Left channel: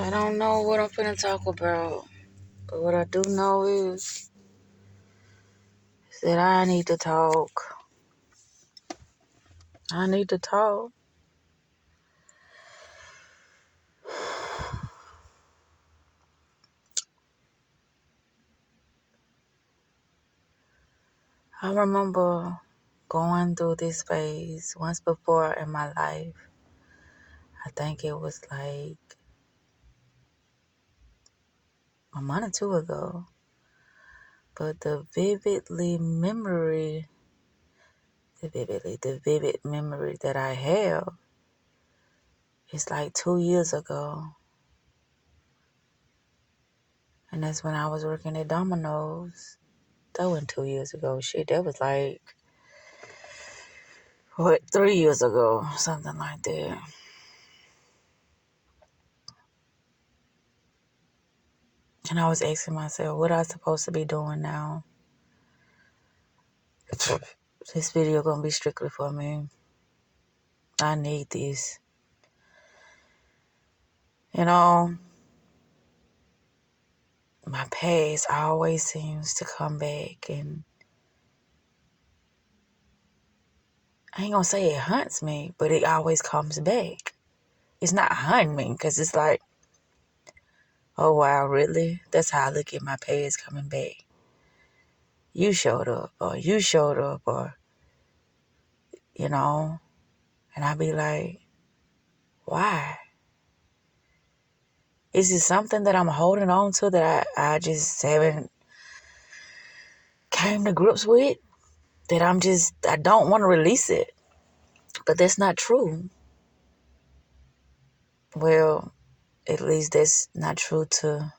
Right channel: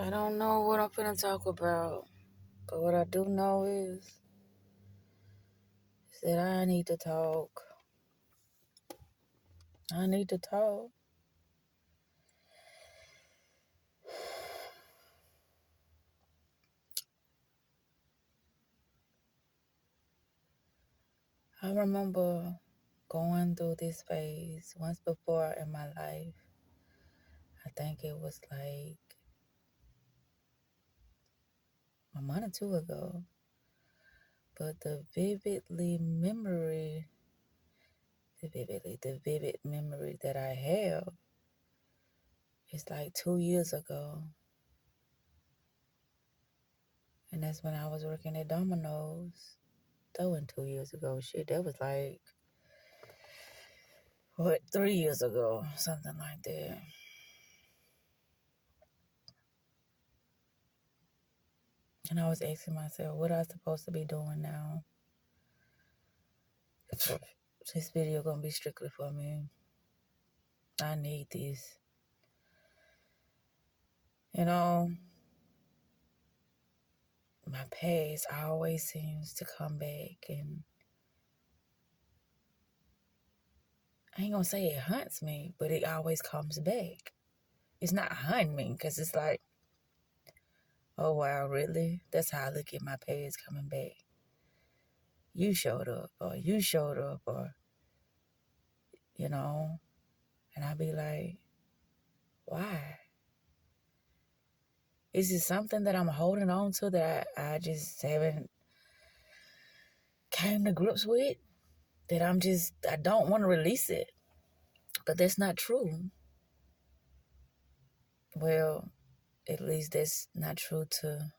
I don't know what I'm finna talk about, but what I do know is that I need to talk. I need to talk. I remember going through this phase once before in my life. I think it was like a month or two ago. But the vivid memory that I have is like 2 years ago. And that's when I was working at Domino's. That wasn't 2 years ago. Shit, that was like, 3 years ago? Something like that. And I was asking myself, what am I supposed to be doing now? This video gonna be strictly for me. I need this. You know, my past always seems to come back, and I ain't gonna say it haunts me, but it always comes back. It's not hunting me, because it's like, oh wow, really? That's how I look at my past coming back. You showed up, or you know, and I be like, why? Is it something that I'm holding on to that I just haven't came to grips with? That I don't want to release it. But that's not true. Well, at least that's not true to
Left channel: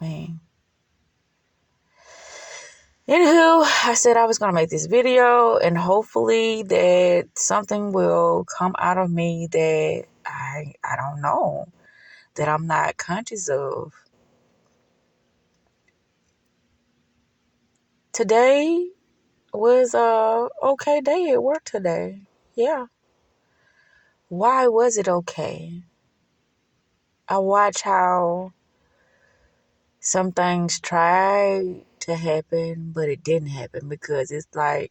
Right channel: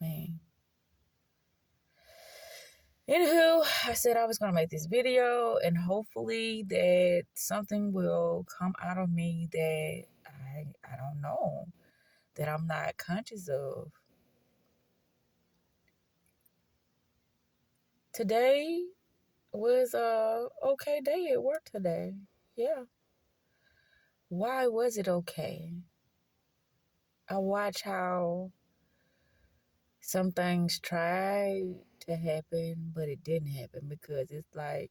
me. Anywho, I said I was going to make this video, and hopefully that something will come out of me that I don't know, that I'm not conscious of. Today was a okay day at work today. Yeah. Why was it okay? I watch how some things tried to happen, but it didn't happen, because it's like,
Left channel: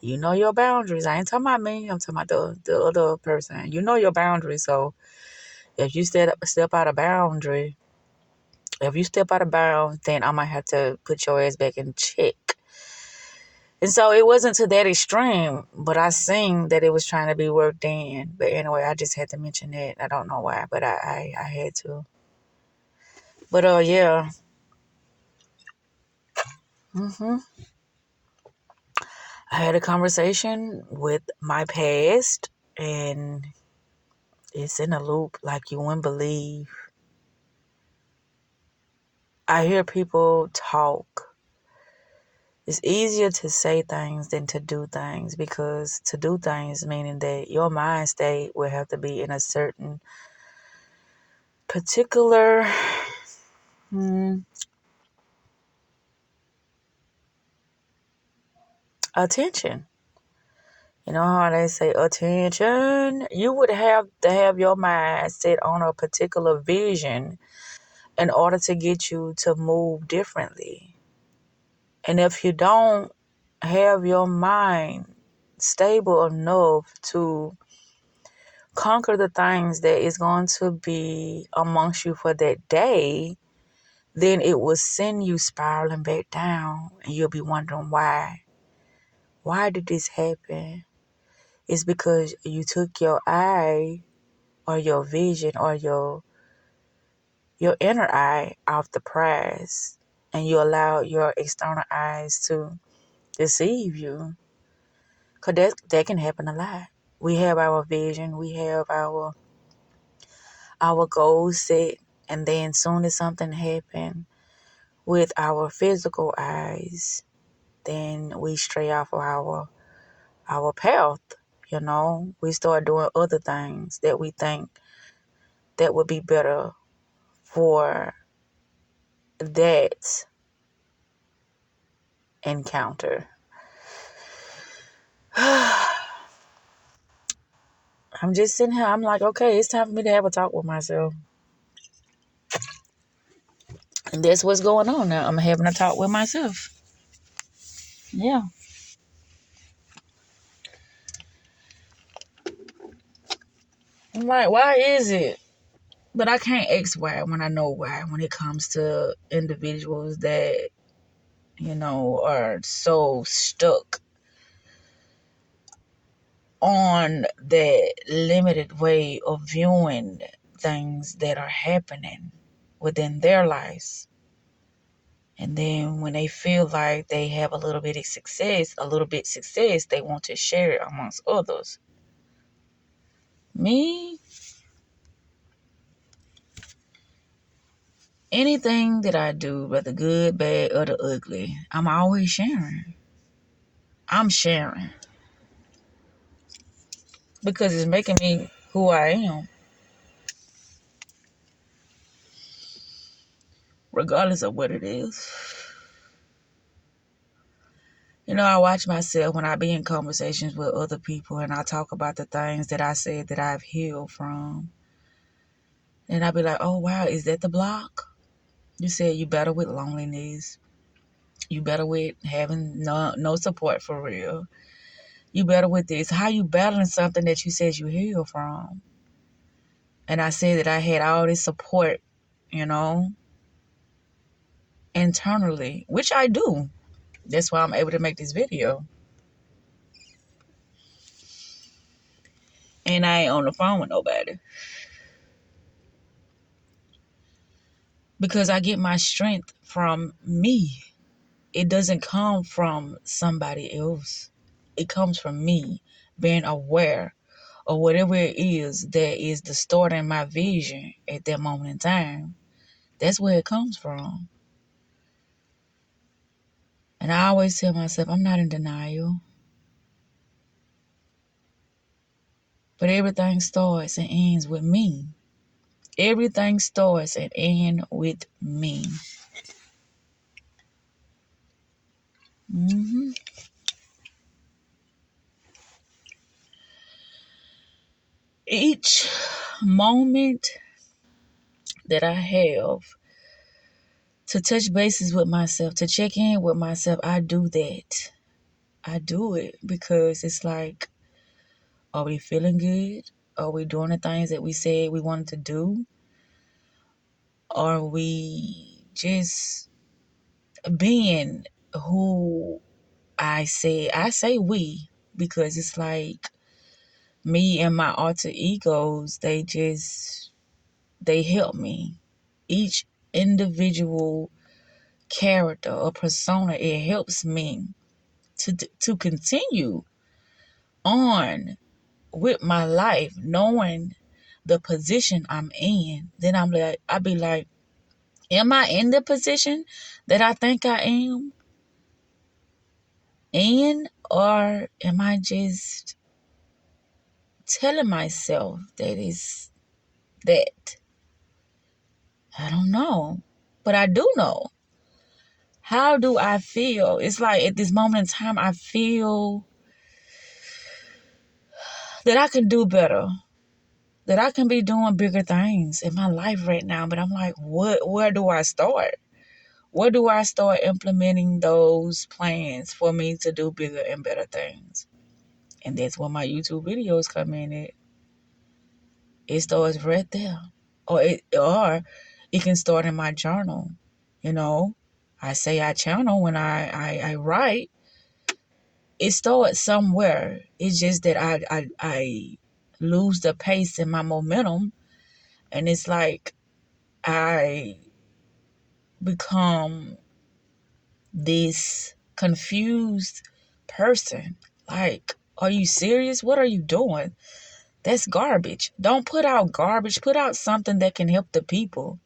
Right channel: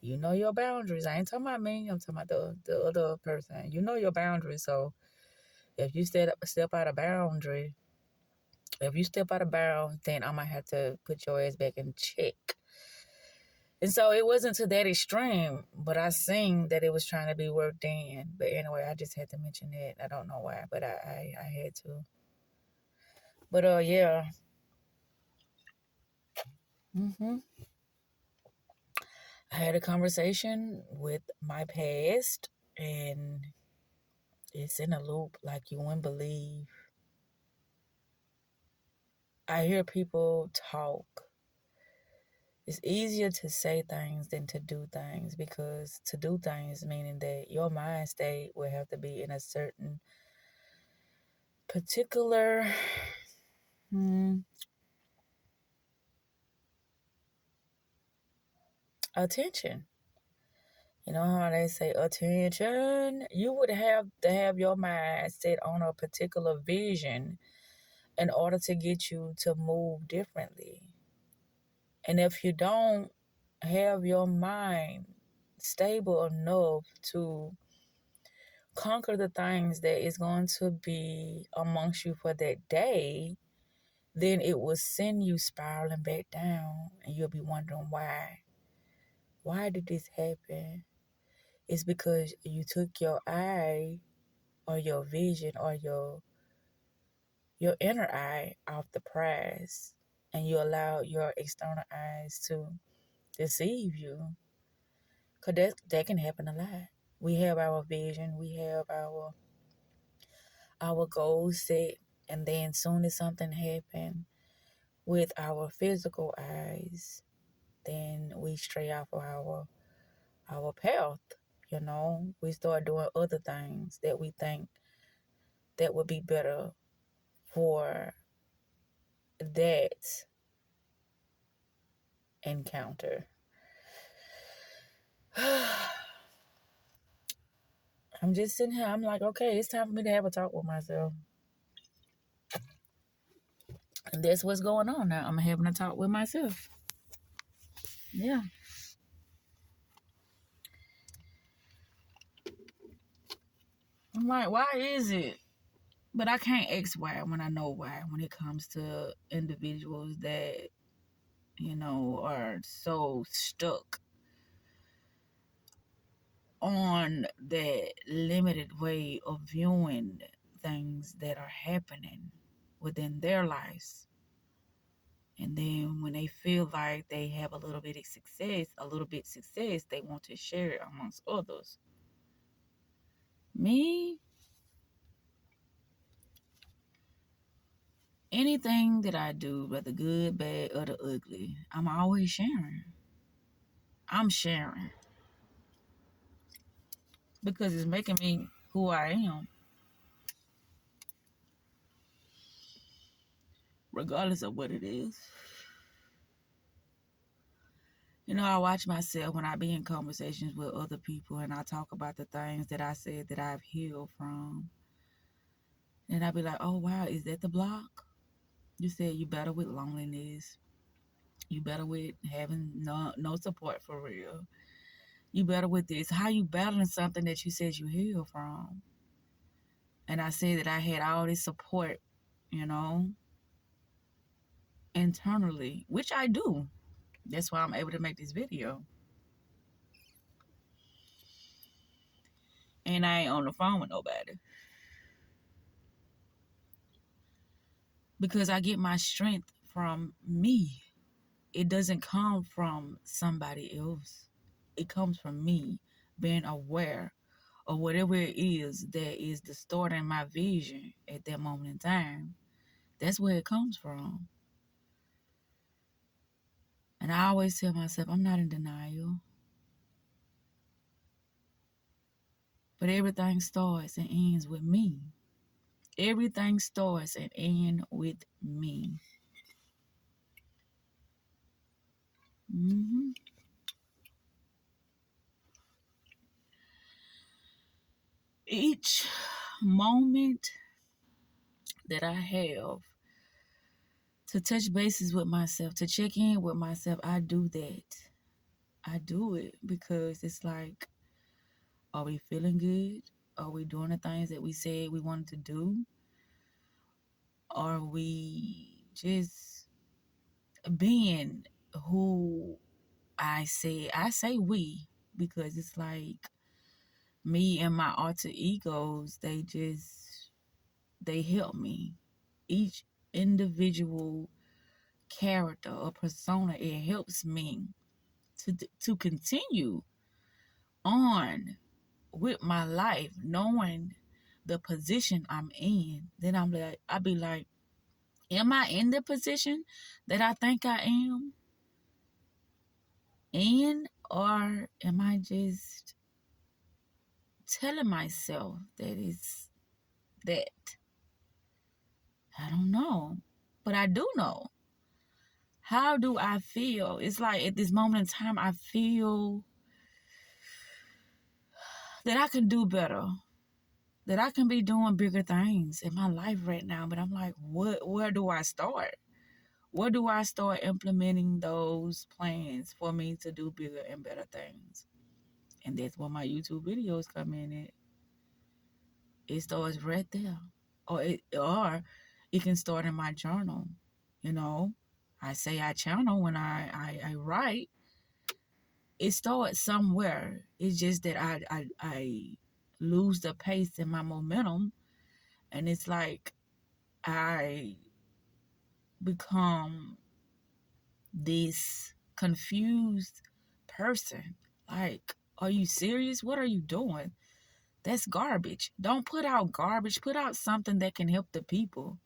you know your boundaries. I ain't talking about me. I'm talking about the other person. You know your boundaries. So if you step out of boundary, if you step out of bounds, then I might have to put your ass back in check. And so it wasn't to that extreme, but I seen that it was trying to be worked in. But anyway, I just had to mention that. I don't know why, but I had to. But yeah. I had a conversation with my past, and it's in a loop like you wouldn't believe. I hear people talk. It's easier to say things than to do things, because to do things meaning that your mind state will have to be in a certain particular attention. You know how they say attention? You would have to have your mind set on a particular vision in order to get you to move differently. And if you don't have your mind stable enough to conquer the things that is going to be amongst you for that day, then it will send you spiraling back down, and you'll be wondering why. Why did this happen? It's because you took your eye or your vision or your inner eye off the prize, and you allow your external eyes to deceive you. Because that can happen a lot. We have our vision, we have our goals set, and then soon as something happens with our physical eyes, then we stray off of our path. You know, we start doing other things that we think that would be better for that encounter. I'm just sitting here. I'm like, okay, it's time for me to have a talk with myself. And that's what's going on now. I'm having a talk with myself. Yeah. I'm like, why is it? But I can't ask why when I know why when it comes to individuals that, are so stuck on that limited way of viewing things that are happening within their lives. And then when they feel like they have a little bit success, they want to share it amongst others. Me, anything that I do, whether good, bad, or the ugly, I'm always sharing. I'm sharing because it's making me who I am, regardless of what it is. I watch myself when I be in conversations with other people and I talk about the things that I said that I've healed from. And I be like, oh, wow, is that the block? You said you better with loneliness. You better with having no support for real. You better with this. How you battling something that you said you healed from? And I said that I had all this support, internally, which I do. That's why I'm able to make this video. And I ain't on the phone with nobody. Because I get my strength from me. It doesn't come from somebody else. It comes from me being aware of whatever it is that is distorting my vision at that moment in time. That's where it comes from. And I always tell myself, I'm not in denial. But everything starts and ends with me. Everything starts and ends with me. Mm-hmm. Each moment that I have to touch bases with myself, to check in with myself, I do that. I do it because it's like, are we feeling good? Are we doing the things that we said we wanted to do? Are we just being who I say we, because it's like me and my alter egos, they help me. Each individual character or persona, it helps me to continue on with my life, knowing the position I'm in. Then I'll be like, am I in the position that I think I am in, or am I just telling myself that it's that? I don't know, but I do know. How do I feel? It's like at this moment in time, I feel that I can do better, that I can be doing bigger things in my life right now. But I'm like, where do I start? Where do I start implementing those plans for me to do bigger and better things? And that's where my YouTube videos come in at. It starts right there. Or it can start in my journal. I say I channel when I write. It starts somewhere. It's just that I lose the pace and my momentum. And it's like I become this confused person. Like, are you serious? What are you doing? That's garbage. Don't put out garbage. Put out something that can help the people.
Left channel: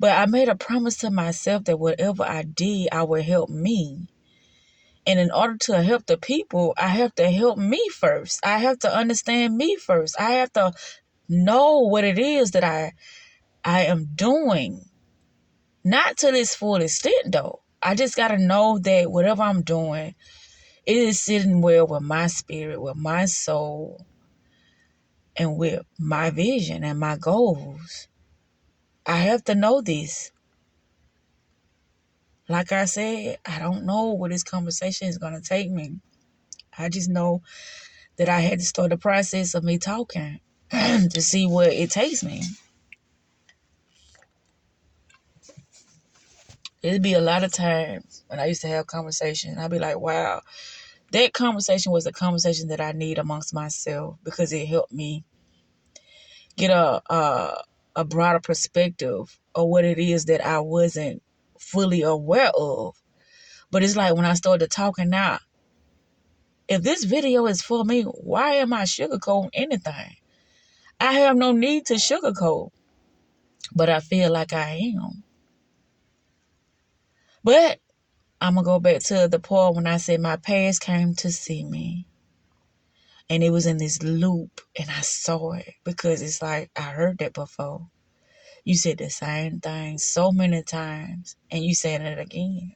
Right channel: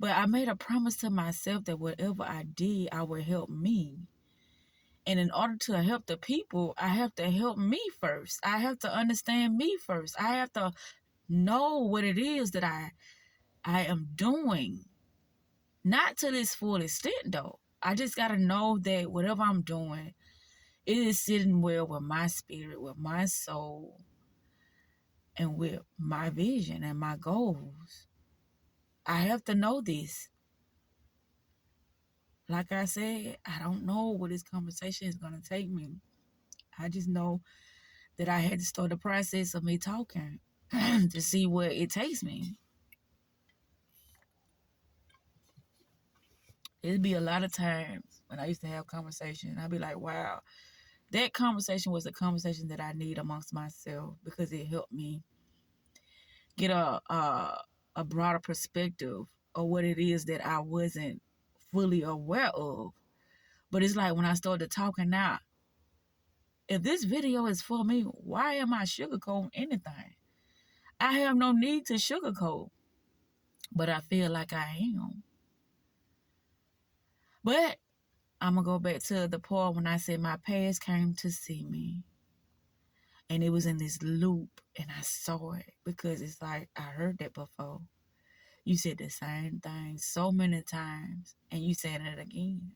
But I made a promise to myself that whatever I did, I would help me. And in order to help the people, I have to help me first. I have to understand me first. I have to know what it is that I am doing. Not to this full extent, though. I just got to know that whatever I'm doing, it is sitting well with my spirit, with my soul. and with my vision and my goals. I have to know this. Like I said, I don't know where this conversation is going to take me. I just know that I had to start the process of me talking to see where it takes me. It'd be a lot of times when I used to have conversations, I'd be like, wow, that conversation was a conversation that I need amongst myself because it helped me get a broader perspective of what it is that I wasn't fully aware of. But it's like when I started talking now, if this video is for me, why am I sugarcoating anything? I have no need to sugarcoat, but I feel like I am. But I'm going to go back to the part when I said my past came to see me. And it was in this loop, and I saw it because it's like I heard that before. You said the same thing so many times, and you saying it again.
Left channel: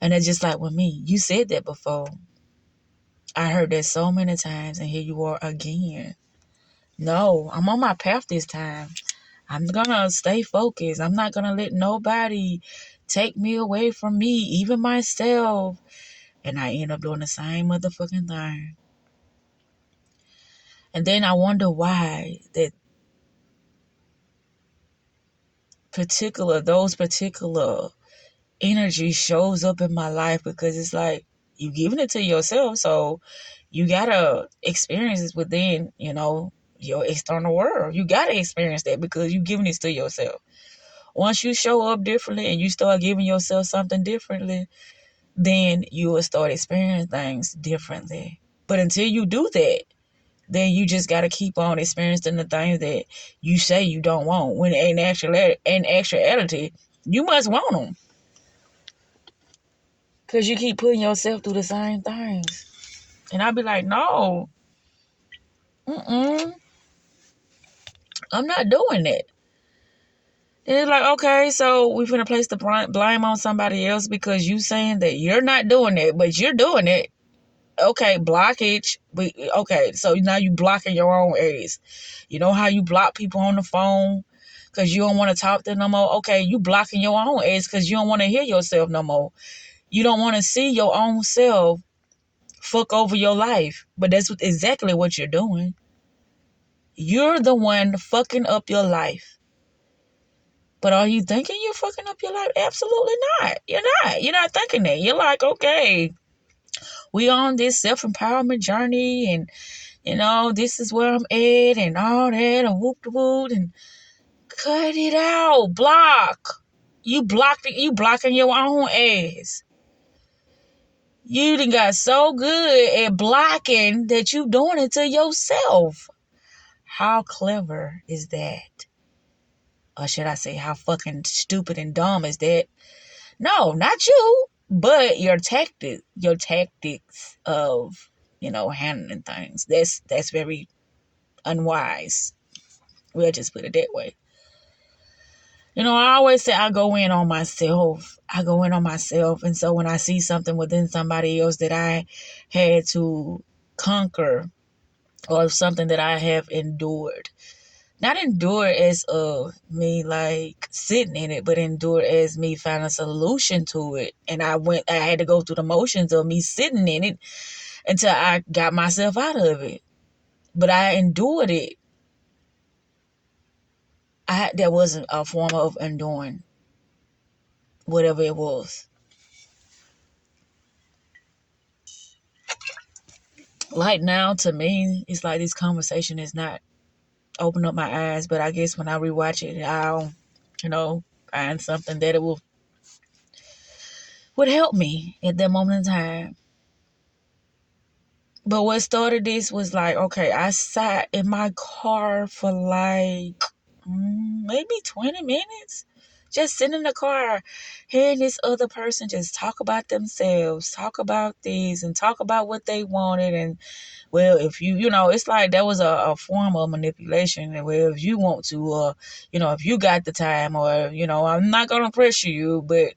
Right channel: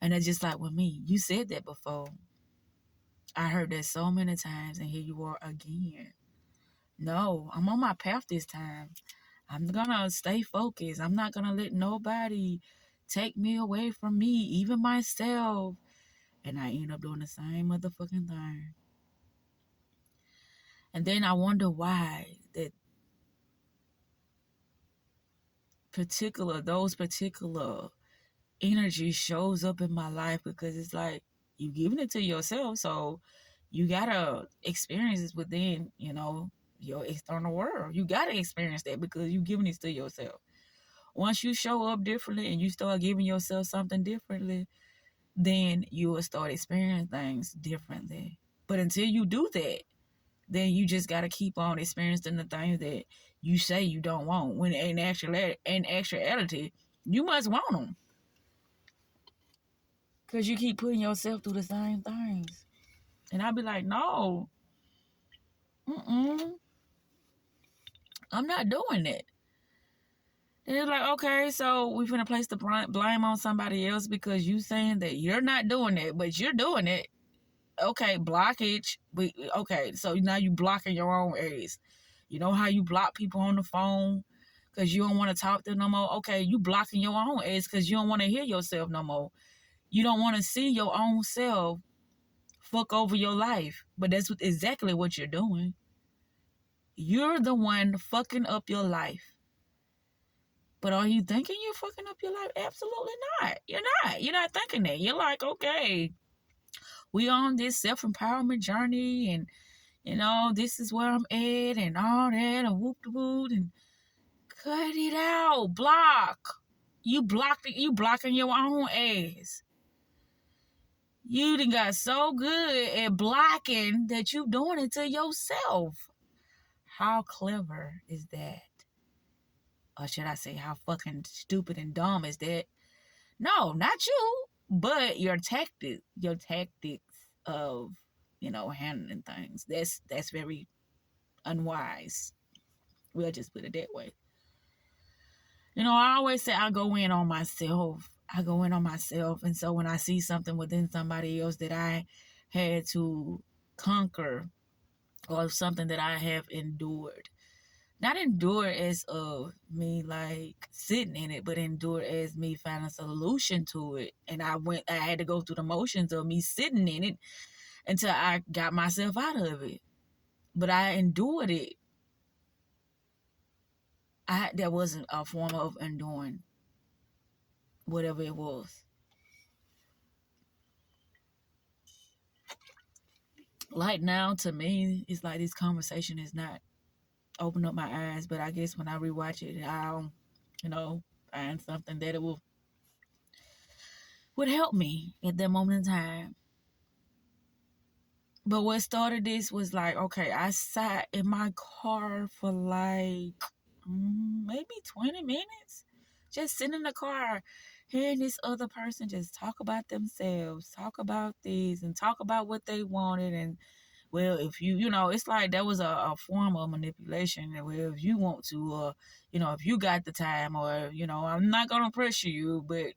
And it's just like with me. You said that before. I heard that so many times, and here you are again. No, I'm on my path this time. I'm going to stay focused. I'm not going to let nobody take me away from me, even myself. And I end up doing the same motherfucking thing. And then I wonder why that those particular energy shows up in my life, because it's like you giving it to yourself, so you gotta experience it within, your external world. You gotta experience that because you giving it to yourself. Once you show up differently and you start giving yourself something differently, then you will start experiencing things differently. But until you do that, then you just got to keep on experiencing the things that you say you don't want. When in actuality, you must want them. Because you keep putting yourself through the same things. And I'll be like, no. I'm not doing that. Then it's like, okay, so we're going to place the blame on somebody else because you saying that you're not doing it, but you're doing it. Okay, blockage. Okay, so now you blocking your own ass. You know how you block people on the phone because you don't want to talk to them no more? Okay, you blocking your own ass because you don't want to hear yourself no more. You don't want to see your own self fuck over your life. But that's exactly what you're doing. You're the one fucking up your life. But are you thinking you're fucking up your life? Absolutely not. You're not. You're not thinking that. You're like, okay, we on this self-empowerment journey and this is where I'm at and all that and whoop de whoop and cut it out. Block. You blocking your own ass. You done got so good at blocking that you doing it to yourself. How clever is that? Or should I say, how fucking stupid and dumb is that? No, not you, but your tactics of, handling things. That's very unwise. We'll just put it that way. I always say I go in on myself. And so when I see something within somebody else that I had to conquer or something that I have endured, not endure as me like sitting in it, but endure as me finding a solution to it. And I had to go through the motions of me sitting in it until I got myself out of it. But I endured it. That wasn't a form of enduring whatever it was. Like now, to me, it's like this conversation is not open up my eyes, but I guess when I rewatch it, I'll, find something that it would help me at that moment in time. But what started this was like, okay, I sat in my car for like maybe 20 minutes. Just sitting in the car, hearing this other person just talk about themselves, talk about this, and talk about what they wanted. And, well, if it's like that was a form of manipulation. And, well, if you want to, if you got the time or, I'm not going to pressure you, but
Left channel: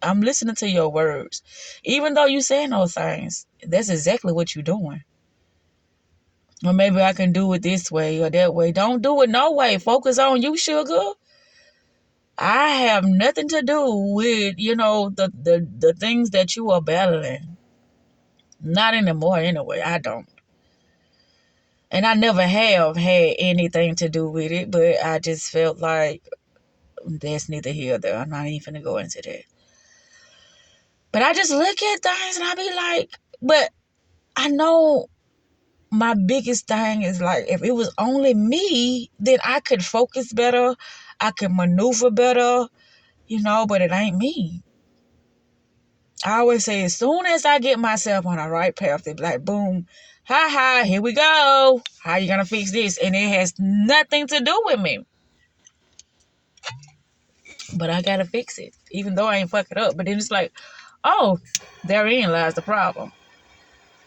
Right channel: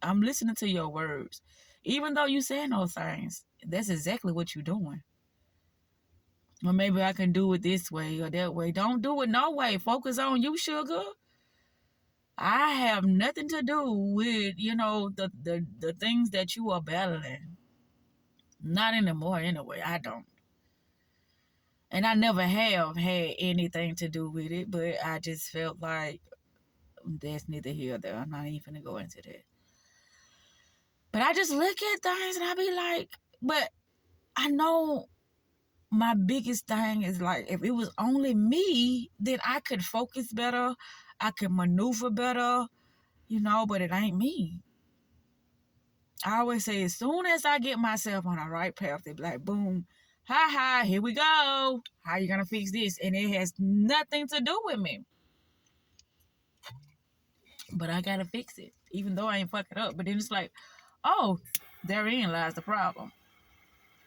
I'm listening to your words. Even though you saying those things, that's exactly what you're doing. Or maybe I can do it this way or that way. Don't do it no way. Focus on you, sugar. I have nothing to do with, the things that you are battling. Not anymore anyway. I don't. And I never have had anything to do with it, but I just felt like that's neither here nor there. I'm not even going to go into that. But I just look at things and I be like, but I know my biggest thing is like, if it was only me, then I could focus better. I could maneuver better, but it ain't me. I always say, as soon as I get myself on the right path, they be like, boom, ha, here we go. How you gonna fix this? And it has nothing to do with me. But I gotta fix it, even though I ain't fuck it up. But then it's like, oh, therein lies the problem.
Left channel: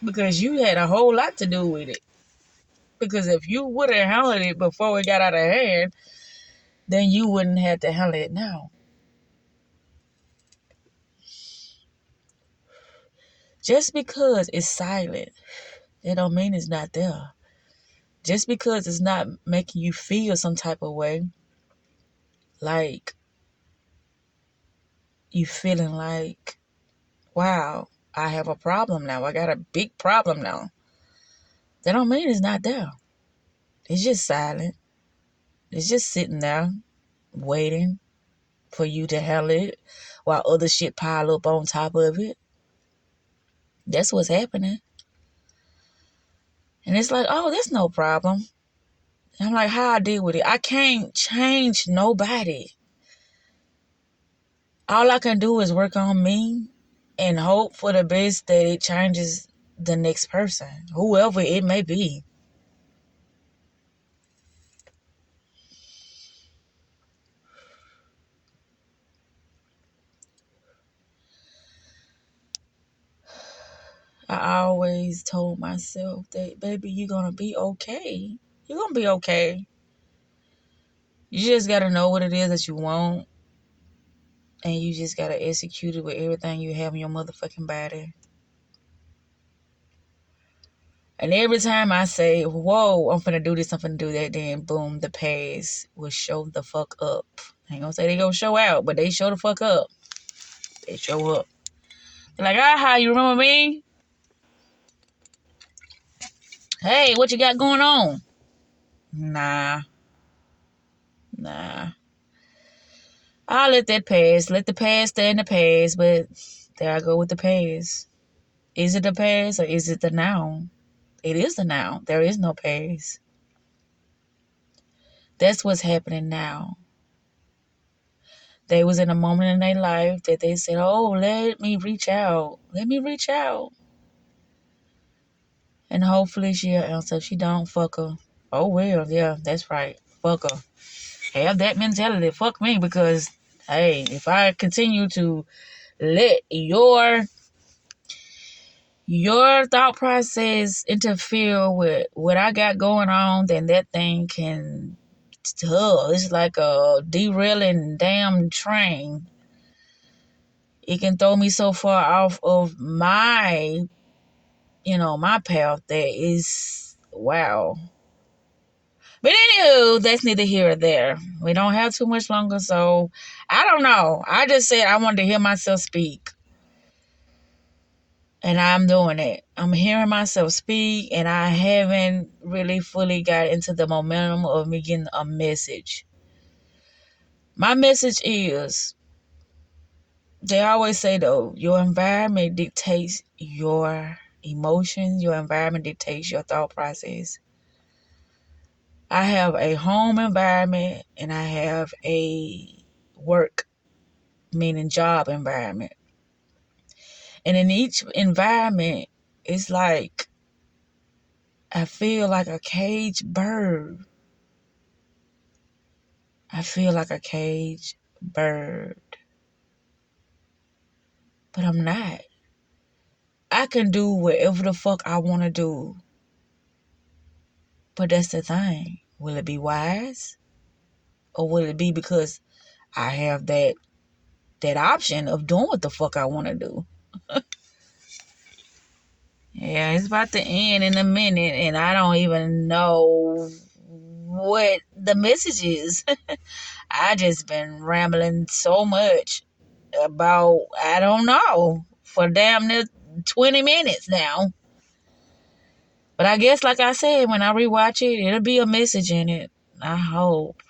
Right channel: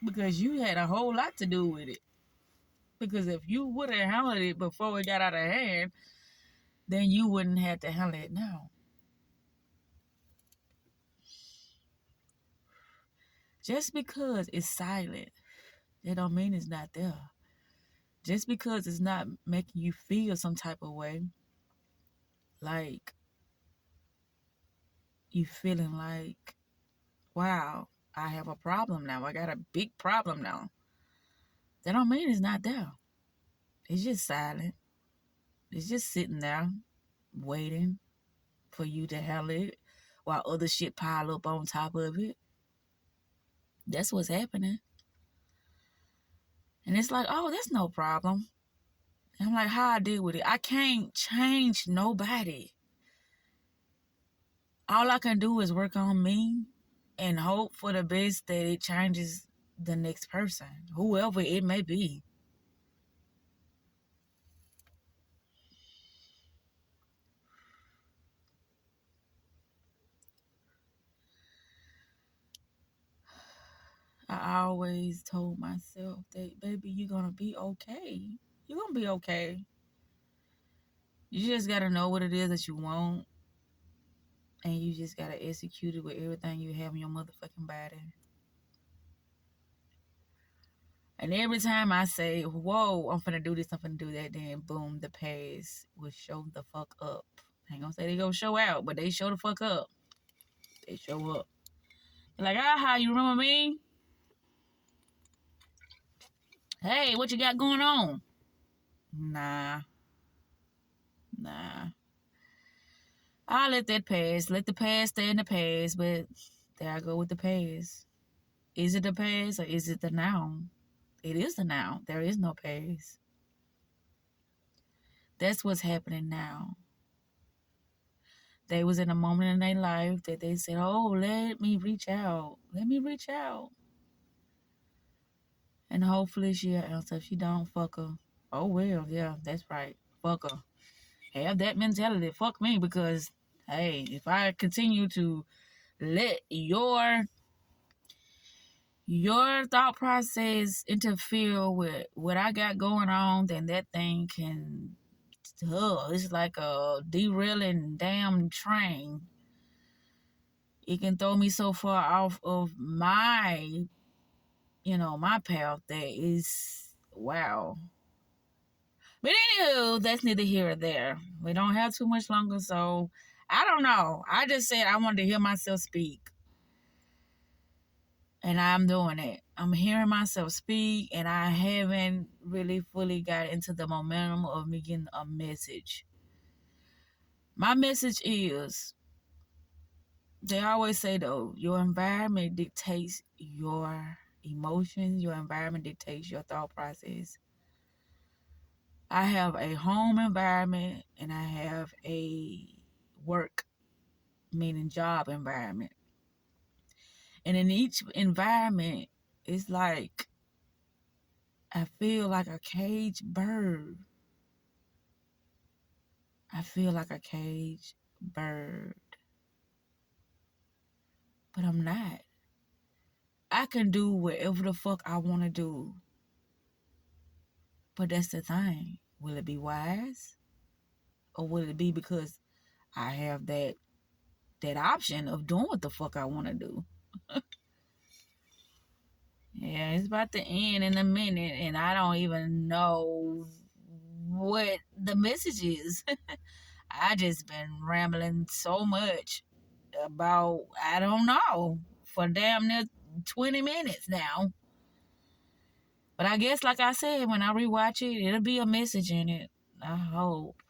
Because you had a whole lot to do with it. Because if you would have handled it before it got out of hand, then you wouldn't have to handle it now. Just because it's silent, it don't mean it's not there. Just because it's not making you feel some type of way, like you feeling like, wow, I have a problem now. I got a big problem now. That don't mean it's not there. It's just silent. It's just sitting there waiting for you to handle it while other shit pile up on top of it. That's what's happening. And it's like, oh, that's no problem. And I'm like, how I deal with it? I can't change nobody. All I can do is work on me and hope for the best that it changes the next person, whoever it may be. I always told myself that, baby, you're going to be okay. You're going to be okay. You just got to know what it is that you want. And you just got to execute it with everything you have in your motherfucking body. And every time I say, whoa, I'm finna do this, I'm finna do that, then boom, the past will show the fuck up. I ain't gonna say they gonna show out, but they show the fuck up. They show up. They're like, aha, you remember me? Hey, what you got going on? Nah. I'll let that pass. Let the past stay in the past, but there I go with the past. Is it the past or is it the now? It is the now. There is no past. That's what's happening now. They was in a moment in their life that they said, oh, let me reach out. Let me reach out. And hopefully she'll answer. If she don't, fuck her. Oh, well, yeah, that's right. Fuck her. Have that mentality. Fuck me, because, hey, if I continue to let your thought process interfere with what I got going on, then that thing can, it's like a derailing damn train. It can throw me so far off of my path that is, wow. But anywho, that's neither here or there. We don't have too much longer, so I don't know. I just said I wanted to hear myself speak. And I'm doing it. I'm hearing myself speak, and I haven't really fully got into the momentum of me getting a message. My message is, they always say, though, your environment dictates your emotions. Your environment dictates your thought process. I have a home environment and I have a work, meaning job environment. And in each environment, it's like I feel like a caged bird. I feel like a caged bird. But I'm not. I can do whatever the fuck I want to do. But that's the thing. Will it be wise? Or will it be because I have that option of doing what the fuck I want to do? Yeah, it's about to end in a minute, and I don't even know what the message is. I just been rambling so much about, I don't know, for damn near 20 minutes now. But I guess, like I said, when I rewatch it, it'll be a message in it. I hope.